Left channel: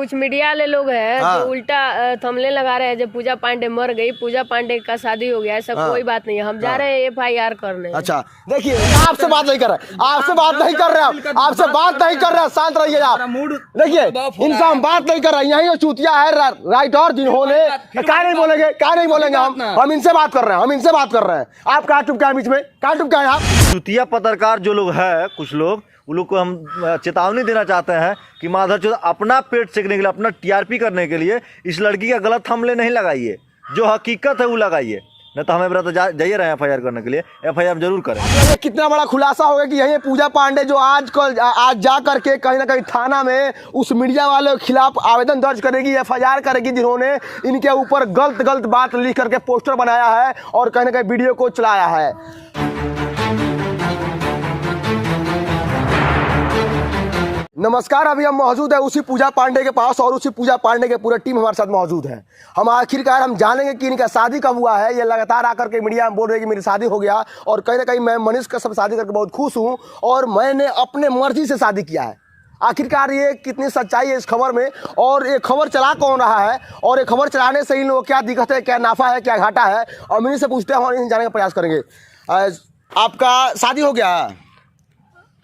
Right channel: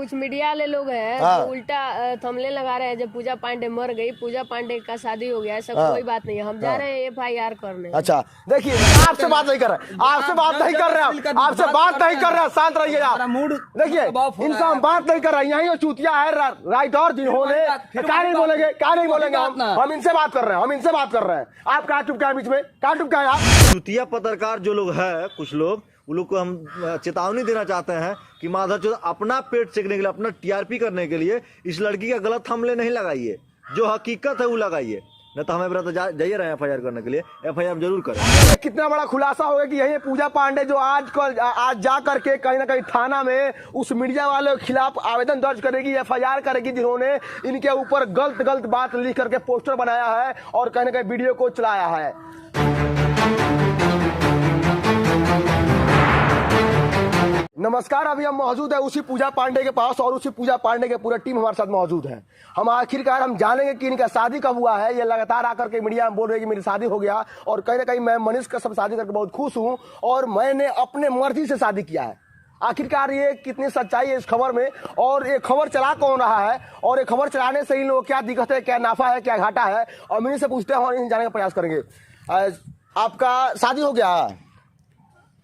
कुछ मीडिया वाले लोग हैं जो उल्टा थंबनेल लगा रहे हैं जो पूजा पांडे मर गई, पूजा पांडे का शादी हो गया, ऐसा कोई बात नहीं है। हम जा रहे हैं FIR करने। अच्छा देखिए, आपसे बात नहीं कर रहे, आपसे बात नहीं कर रहे, आपसे बात नहीं कर रहे, शांत रहिए आप। देखिए इनसे हम बात नहीं कर रहे, यही वो चूतिया है राइटर जिन्होंने क्या नहीं बोलेंगे, क्या नहीं बोलेंगे, हम इनसे बात कर रहे हैं, हम इनसे बात कर रहे हैं। आप कहाँ चुप क्या बीच में, कहाँ चुप क्या है आप? चुतिया पत्रकार जो लोग हैं, कुछ लोग, उन लोग को हम चेतावनी देना चाहते हैं कि माधवचोद अपना पेट सेकने के लिए, अपना TRP करने के लिए इस लड़की का गलत थंबनेल नहीं लगाइए, जो हकीकत है वो लगाइए, नहीं तो हमें बता जाइए रहे हैं FIR करने के लिए। FIR जरूर करें। कितना बड़ा खुलासा होगा कि यही पूजा पांडे जो आज जा करके कहीं ना कहीं थाना में उस मीडिया वाले के खिलाफ आवेदन दर्ज करेगी, FIR करेगी, जिन्होंने इनके ऊपर गलत बात लिख करके पोस्टर बनाया है और कहीं ना कहीं वीडियो को चलाया है। नमस्कार, अभी हम मौजूद है उसी पूजा पांडे के पास और उसी पूजा पांडे के पूरे टीम हमारे साथ मौजूद है। हम आखिरकार हम जानेंगे कि इनका शादी कब हुआ है। ये लगातार आकर के मीडिया में बोल रहे हैं कि मेरी शादी हो गया और कहीं ना कहीं मैं मनीष का सब शादी करके बहुत खुश हूँ और मैंने अपने मर्जी से शादी किया है। आखिरकार ये कितनी सच्चाई है इस खबर में, और ये खबर चला कौन रहा है, और ये खबर चलाने से इन लोगों को क्या दिक्कत है, क्या नाफा है, क्या घाटा है, और इन्हीं से पूछते हैं और इन्हें जाने का प्रयास करेंगे। आपका शादी हो गया?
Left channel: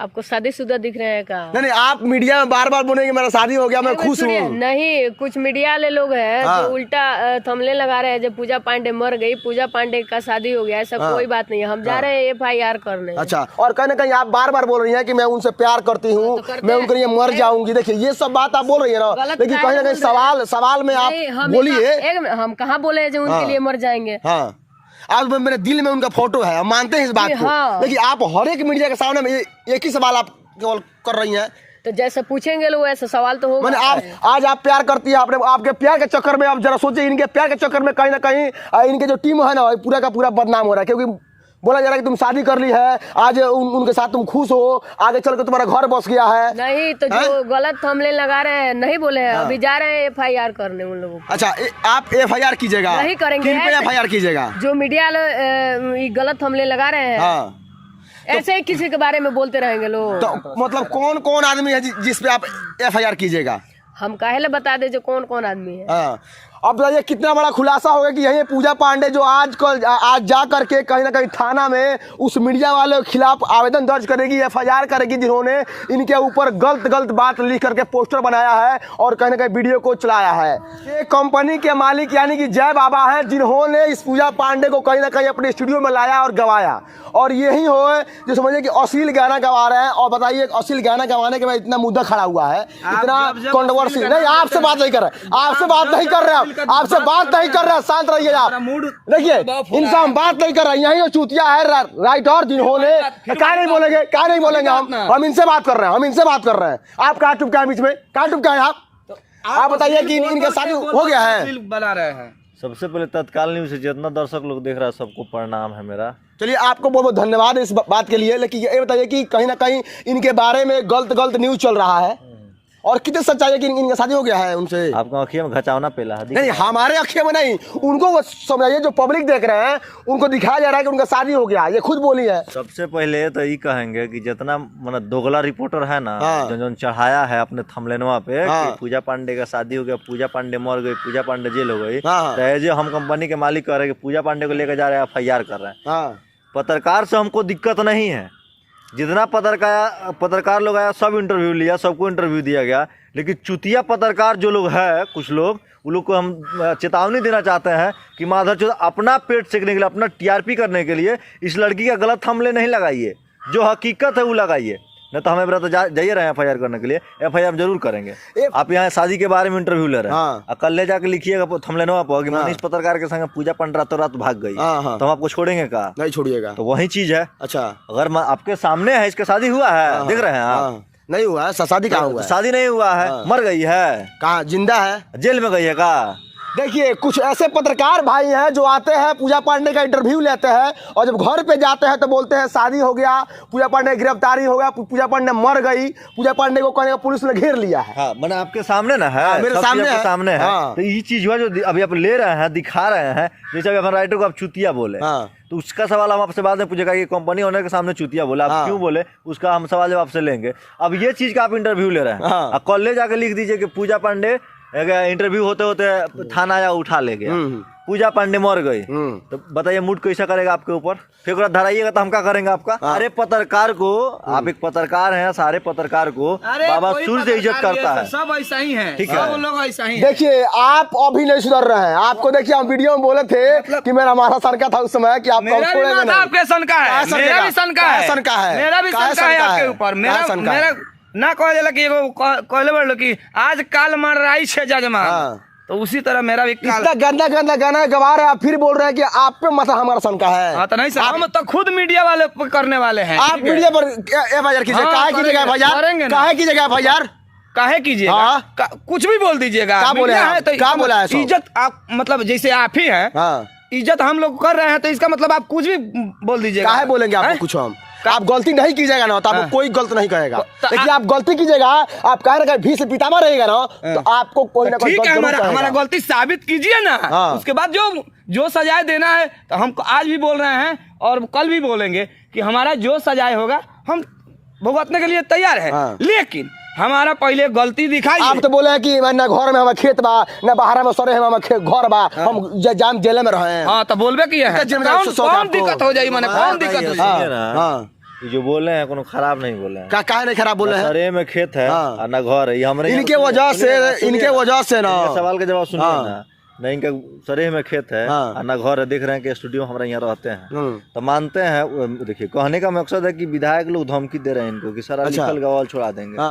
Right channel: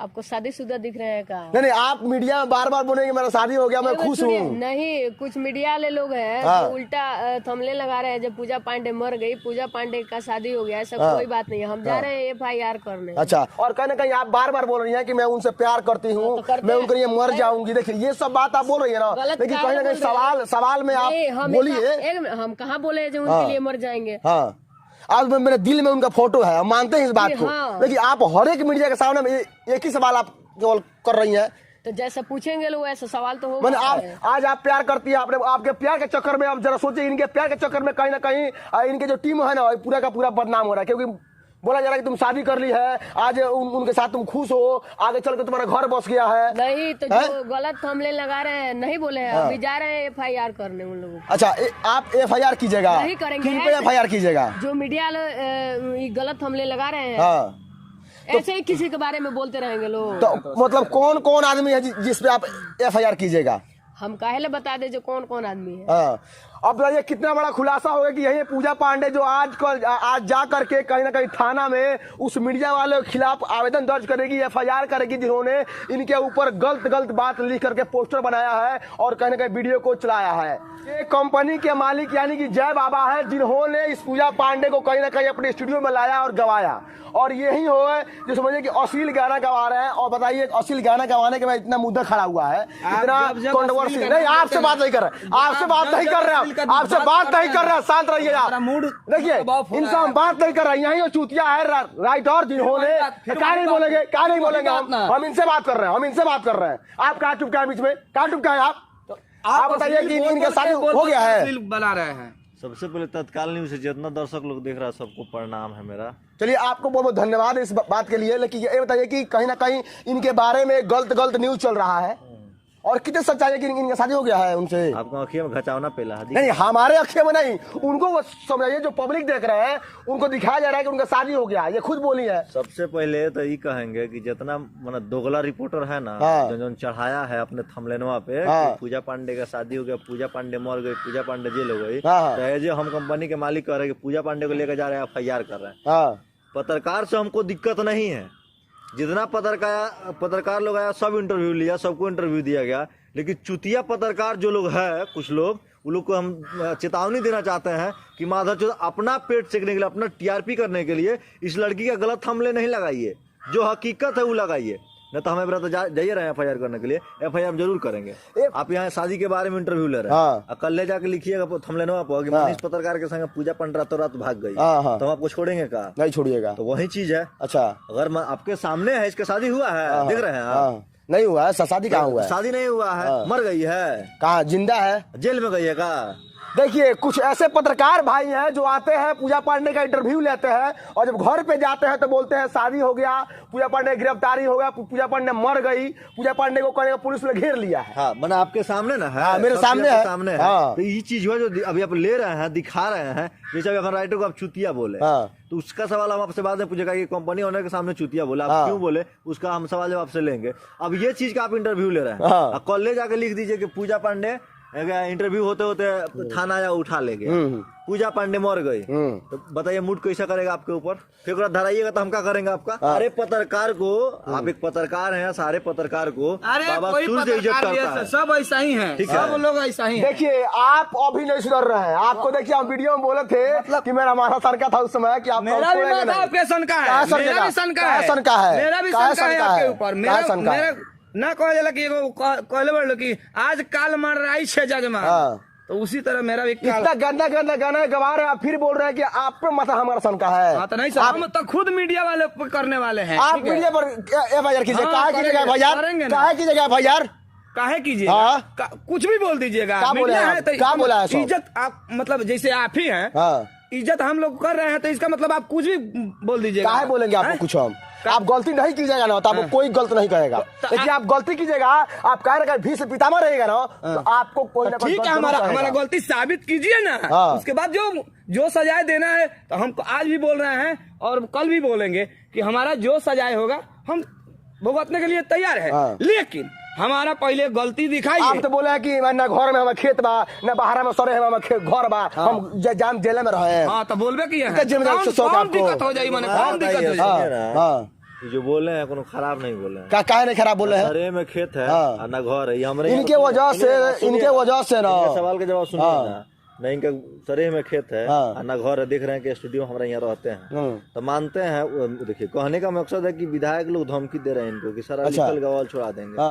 आपको शादीशुदा दिख रहे हैं का? नहीं, आप मीडिया में बार बार बोलेंगे मेरा शादी हो गया, मैं खुश हूँ। नहीं, कुछ मीडिया वाले लोग हैं जो उल्टा थंबनेल लगा रहे हैं जो पूजा पांडे मर गई, पूजा पांडे का शादी हो गया, ऐसा कोई बात नहीं है। हम जा रहे हैं FIR करने। अच्छा, और कहीं ना कहीं आप बार बार बोल रही हैं कि मैं उनसे प्यार करती हूँ, मैं उनके लिए मर जाऊंगी। देखिए ये सब बात आप बोल रही है ना, लेकिन कहीं ना कहीं सवाल में आप बोलिए। हम कहाँ बोले हैं जो उनके लिए मर जाएंगे? हाँ, आज मेरे दिल में उनका फोटो है, हम मानते हैं इस बात को। लेकिन आप हर एक मीडिया के सामने में एक ही सवाल आप केवल कर रही हैं। तो जैसे पूछेंगे लोग ऐसा सवाल तो होगा। मैंने आप आज आप प्यार करती है, आपने आपके प्यार के चक्कर में आप जरा सोचिए, इनके प्यार के चक्कर में कहीं ना कहीं इनके जो टीम है ना पूरा का पूरा बदनाम हो रहा है, क्योंकि बोला जा रहा है कि तुम शादी कर ली है, आज उनके साथ तुम खुश हो, आगे चल के तुम्हारा घर बस गया है। नहीं तो जो गलत थंबनेल लगा रहे हैं नहीं बोले हैं, अभी जा रहे हैं FIR करने उन लोगों को। अच्छा, आप FIR कीजिएगा? नहीं करेंगे। किन पे FIR कीजिएगा? जो मीडिया गलत थंबनेल लगा रहे हैं, ऐसे ही किसी के बारे में बोलते रहेंगे लोग। तो मतलब कौन कौन आदमी है जिस पे आप FIR कीजिएगा? हम काहे बता दे जो कौन कौन आदमी है। अब बताइए कितना बड़ा खुलासा होगा कि यही पूजा पांडे जो आज जा करके कहीं ना कहीं थाना में उस मीडिया वाले के खिलाफ आवेदन दर्ज करेगी, FIR करेगी, जिन्होंने इनके ऊपर गलत बात लिख करके पोस्टर बनाया है और कहीं ना कहीं वीडियो को चलाया है। ये कंपनी के मालिक यानी कि जय बाबा हैं, जिन्होंने इस पूजा पांडे को कहीं ना कहीं अपने स्टूडियो में लाया और गवाया, और यही हो जो समझिए कि अश्लील गाना गवा रहे हैं। और बताइए अश्लील गाना गवाने के बाद इतना मुद्दा खड़ा हुआ है, इतना कंट्रोवर्सी। नहीं, आपसे बात नहीं कर रहे, आपसे बात नहीं कर रहे, आपसे बात नहीं कर रहे, शांत रहिए आप। देखिए इनसे हम बात नहीं कर रहे, यही वो चूतिया है राइटर जिन्होंने क्या नहीं बोलेंगे, क्या नहीं बोलेंगे, हम इनसे बात कर रहे हैं, हम इनसे बात कर रहे हैं। आप कहाँ चुप क्या बीच में, कहाँ चुप क्या है आप बताइए कि इनका शादी हो गया है? बना रहे हैं। सबसे पहले तत्काल न्यूज़ से जितना दर्शक लोग देख रहा है सबको प्रणाम है मेरा। चलिए आपको बहुत बहुत धन्यवाद इस बात के लिए। लेकिन ये बताइए कि कहीं ना कहीं इनके बारे में गलत न्यूज़ चल रहा है, और कितने सच्चाई है कि इनका शादी हो गया है उनसे? आपको आँखियों में घचावना पेला है? नहीं, हमारे आँखियों में नहीं, उनको समझाइए, जो पब्लिक देख रहे हैं उनको दिखाया जा रहा है कि उनका शादी हो गया, ये खुद बोली है। सबसे पहले तो ये कहेंगे कि जितना मतलब दोगला रिपोर्टर है ना, जो चढ़ाया है अपने थंबनेलवा पे कि पूजा पांडे का शादी हो गया, पूजा पांडे मर गई, पूजा पांडे जेल हो गई, तो हम कंपनी के मालिक कह रहे हैं कि पूजा पांडे को लेकर जा रहे हैं, FIR कर रहे हैं। पत्रकार से हमको दिक्कत नहीं है, जितना पत्रकार लोग आया सब इंटरव्यू लिया, सबको इंटरव्यू दिया गया। लेकिन चुतिया पत्रकार जो लोग हैं, कुछ लोग, उन लोग को हम चेतावनी देना चाहते हैं कि माधवचोद अपना पेट सेकने के लिए, अपना TRP करने के लिए इस लड़की का गलत थंबनेल नहीं लगाइए, जो हकीकत है वो लगाइए, नहीं तो हमें बता जाइए रहे हैं FIR करने के लिए। FIR जरूर करेंगे। आप यहाँ शादी के बारे में इंटरव्यू ले रहे हैं, कल ले जाके लिखिएगा थंबनेलवा पर कि मनीष पत्रकार के संग पूजा पांडे रातों रात भाग गई, तो हम आपको छोड़ेंगे का? नहीं छोड़िएगा। तो वही चीज है। अच्छा, अगर आपके सामने है, इसका शादी हुआ है, देख रहे हैं आप? नहीं हुआ है। शादी कहाँ हुआ है? शादी नहीं हुआ है, मर गई है। कहाँ जिंदा है? जेल में गई है का? देखिए कुछ ऐसे पत्रकार भाई हैं जो आते हैं पूजा पांडे का इंटरव्यू लेते हैं और जब घर पे जाते हैं तो बोलते हैं शादी हो गया, पूजा पांडे की गिरफ्तारी हो गया, पूजा पांडे मर गई, पूजा पांडे को कहने पुलिस ने घेर लिया है। हाँ, मैंने आपके सामने ना है। हाँ, मेरे सामने है। सामने है। हाँ। तो ये चीज हुआ जो अभी आप ले रहे हैं, दिखा रहे हैं, जैसे अभी अपन राइटर को आप चुतिया बोले, हाँ। तो उसका सवाल हम आपसे बाद में पूछेगा कि कंपनी ओनर के सामने चुतिया बोला, आप हाँ। क्यों बोले, उसका हम सवाल जवाब आपसे लेंगे। अब ये चीज का आप इंटरव्यू ले रहे हैं, हाँ। कॉलेज जाके लिख दीजिए कि पूजा पांडे इंटरव्यू होते होते थाना आया उठा ले गया, पूजा पांडे मर गई, तो बताइए मूड कैसा करेगा आपके ऊपर? फिर धराइएगा तो हम क्या करेंगे आपका? अरे पत्रकार को, आप एक पत्रकार हैं, सारे पत्रकार को बाबा सूर्य इज्जत करता है, सब ऐसा ही है, ठीक है, सब लोग ऐसा ही है। देखिए आप अभी नहीं सुधर रहे हैं। आपको देखिए हम वीडियो में बोले थे कि मेरा हमारा सनका था उस समय कि आप मेरा भी माथा आपके सनका है, मेरा भी सनका है, सनका है, मेरा भी काहे सनका है सनका आपके है? ऊपर। काहे सनका है? मेरा ना कह जाला कि एगो कहले बड़लो कि आज काल मर रही छे जजमान, हाँ। तो उसी तरह मेरा भी काल। इतना गंदा गंदा गाना गवा रहे हैं, आप फिर बोल रहे हैं कि आप पे मत हमारा सनका है। हाँ, तो नहीं सर, हम तो खुद मीडिया वाले करने वाले हैं। आप मीडिया पर एफआईआर कीजिए, हाँ, काहे करेंगे, कीजिएगा एफआईआर, करेंगे ना। काहे कीजिएगा एफआईआर? काहे कीजिएगा? हाँ। कुछ भी बोल दीजिएगा। क्या बोले मीडिया आप? है तो क्या बोला है सब? इज्जत आप मतलब जैसे आप ही हैं, हाँ। इज्जत हम लोग कर रहे हैं तो इसका मतलब आप कुछ भी बोल दीजिएगा। काहे बोलेंगे आपको हैं? कुछ हम? आप गलती नहीं कीजिएगा ना तो आपको कोई गलत नहीं कहेगा, तो लेकिन आप गलती कीजिएगा, आप कहे ना भी से पितामह रहेगा ना तो आपको कोई ना कोई ठीक है, गलत हमारा जरूर हमारा कहेगा। गलती साबित कीजिए ना। हाँ। उसके बाद जो सजाए देना है तो हम आज भी बोल रहे हैं और कल भी बोलेंगे कि हमारा जो सजाए होगा हम भुगतने के लिए तैयार है। हाँ। लेकिन हमारा पहले गलती दिखाइए। आप तो बोले हैं कि ना घर में हमारे खेत बा, ना बाहर में सरे हमारे घर बा, हम जान जेल में रहे हैं। हाँ, तो बोलबे किया है। कितना जेल में जाओ, शौक कौन आपको? दिक्कत हो जाई, माने कौन दिक्कत हो जाई? हाँ, हाँ। ये जो बोले हैं कोनो खराब नहीं बोले हैं। काहे नहीं खराब बोले हैं? अरे में खेत है हाँ। और ना घर है, ये हमरे इनके वजह से ना इनके सवाल का जवाब सुनिए हाँ। ना। नहीं, इनका सरेह में खेत है हाँ। और ना घर है, देख रहे हैं कि स्टूडियो हमारे यहाँ रहते हैं, हम्म। तो मानते हैं। देखिए कहने का मकसद है कि विधायक लोग धमकी दे रहे हैं इनको कि सारा अच्छा। लिखल गवाल छोड़ा देंगे। हाँ।